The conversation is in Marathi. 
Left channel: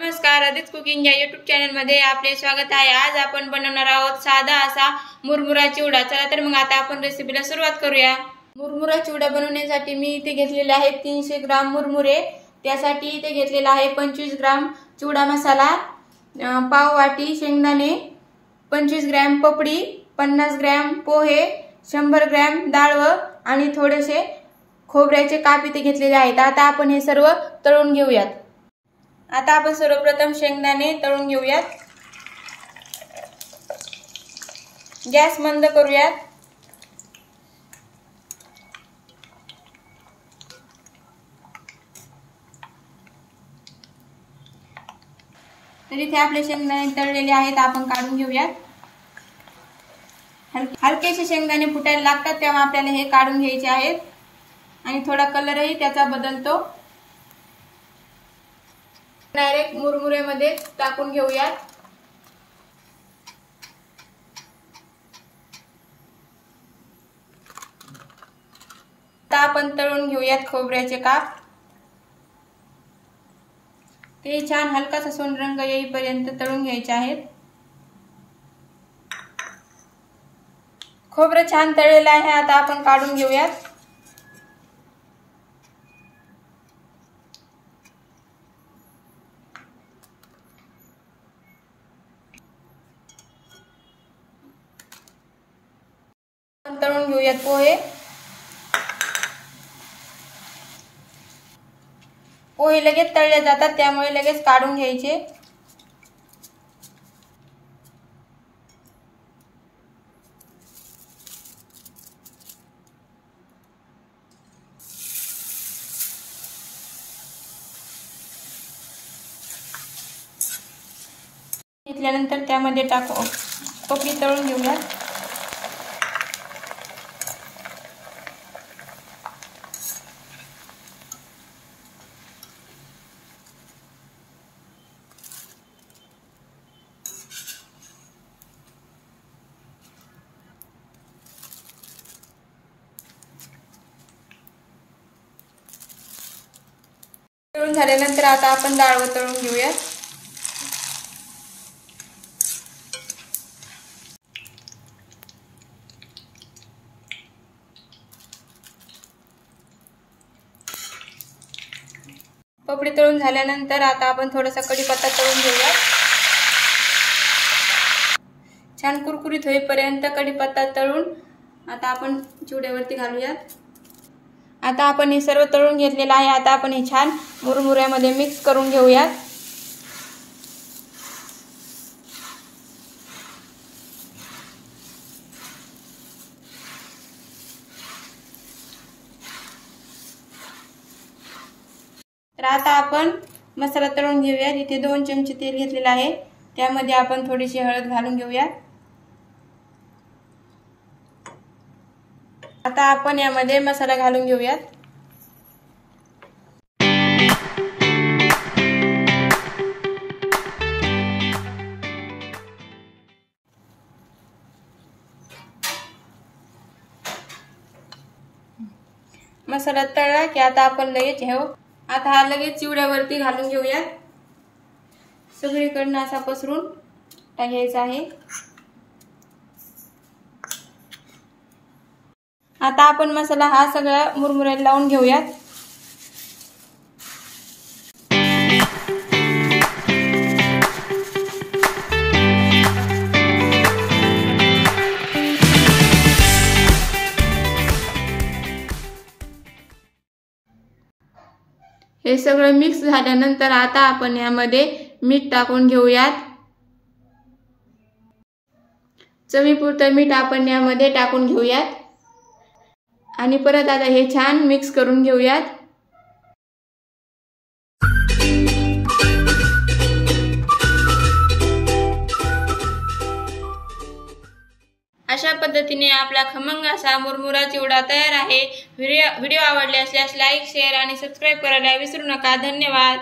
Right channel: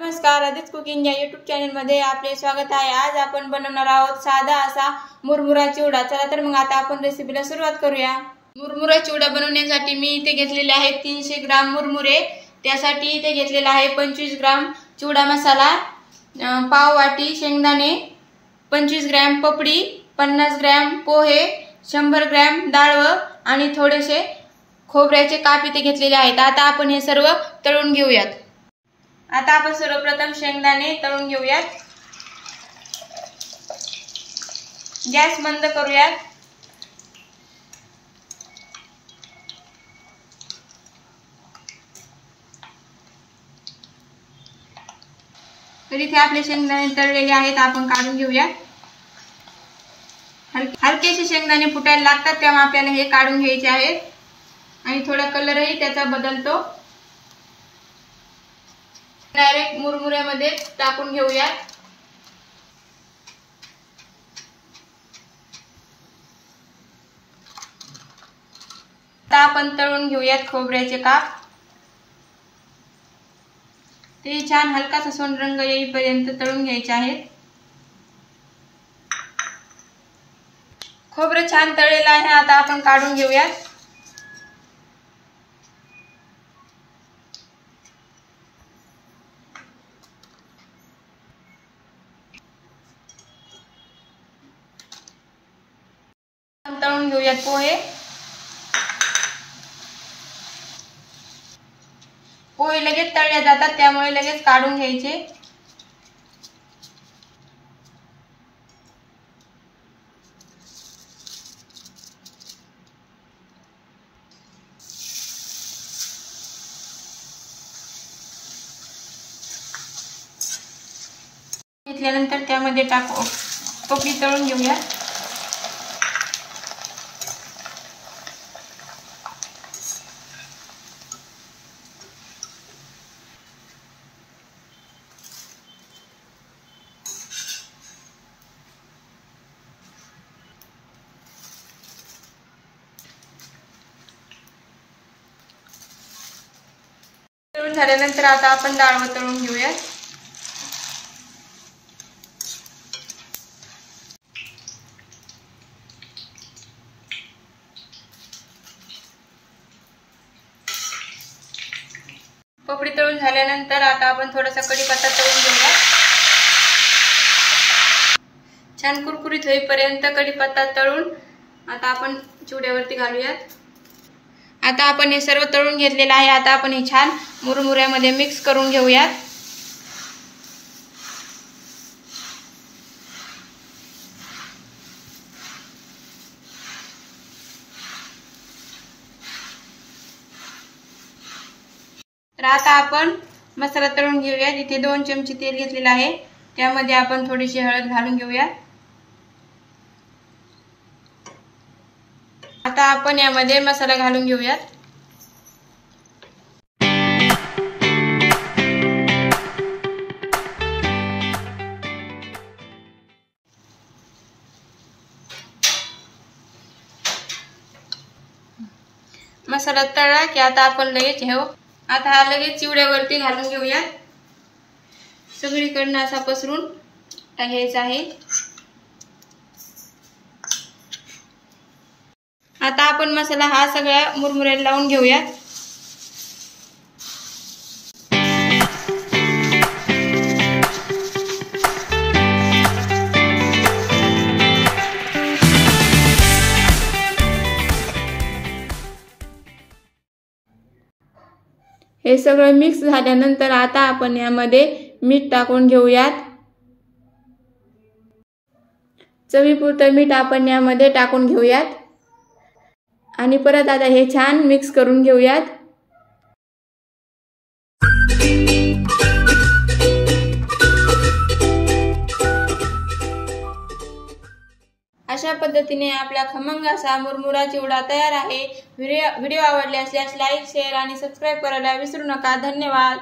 नमस्कार, आदित्य कुकिंग या यूट्यूब चॅनलमध्ये आपले स्वागत आहे। आज आपण बनवणार आहोत साधा असा मुरमुरा चिवडा। चला तर मग आता आपण रेसिपीला सुरुवात करूया। मुरमुरा चिवडा बनवण्यासाठी मी इथे घेतलेले आहे 300 ग्राम मुरमुरे। त्यासाठी इथे घेतलेला आहे 25 ग्राम चिवडा मसाला, पाव वाटी शेंगदाणे, 25 ग्राम पपडी, 50 ग्राम पोहे, 100 ग्राम डाळ आणि थोडेसे खोबऱ्याचे काप इथे घेतलेले आहेत। आता आपण हे सर्व तळून घेऊयात। आता आपण सर्वप्रथम शेंगदाणे तळून घेऊयात। गॅस बंद करूयात। तर इथे आपले शेंगदाणे तळलेले आहेत, आपण काढून घेऊयात। हलकेसे शेंगदाणे फुटायला लागतात तेव्हा आपल्याला हे काढून घ्यायचे आहेत आणि थोडा कलरही त्याचा बदलतो। डायरेक्ट मुरमुऱ्यामध्ये टाकून घेऊयात। आता आपण तळून घेऊयात खोबऱ्याचे काप। ते छान हलकासा सोनेरी रंग येईपर्यंत तळून घ्यायचे आहेत। खोबरं छान तळलेलं आहे, आता आपण काढून घेऊयात। तळून घेऊयात पोहे। पोहे लगेच तळले जातात त्यामुळे लगेच काढून घ्यायचे। घेतल्यानंतर त्यामध्ये टाकू पपडी तळून घेऊयात। तळून झाल्यानंतर आता आपण डाळ तळून घेऊयात। पपडी तळून झाल्यानंतर आता आपण थोडासा कढीपत्ता तळून घेऊयात। छान कुरकुरीत होईपर्यंत कढीपत्ता तळून आता आपण चिवड्यावरती घालूयात। आता आपण हे सर्व तळून घेतलेलं आहे। आता आपण हे छान मुरमुऱ्यामध्ये मिक्स करून घेऊयात। तर आता आपण मसाला तळून घेऊयात। इथे 2 चमचे तेल घेतलेलं आहे, त्यामध्ये आपण थोडीशी हळद घालून घेऊयात। आता आपण यामध्ये मसाला घालून घेऊयात। मसाला तळला की आता आपण लगेच आता हा लगेच चिवड्यावरती घालून घेऊयात। सगळीकडनं असा पसरून टाकायचा आहे। आता आपण मसाला हा सगळ्या मुरमुऱ्याला लावून घेऊयात। हे सगळं मिक्स झाल्यानंतर आता आपण यामध्ये मीठ टाकून घेऊयात। चवीपुरतं मीठ आपण यामध्ये टाकून घेऊयात आणि परत आता हे छान मिक्स करून घेऊयात। अशा पद्धतीने आपला खमंग असा मुरमुरा चिवडा तयार आहे। व्हिडिओ आवडले असल्यास लाईक, शेअर आणि सबस्क्राइब करायला विसरू नका। धन्यवाद।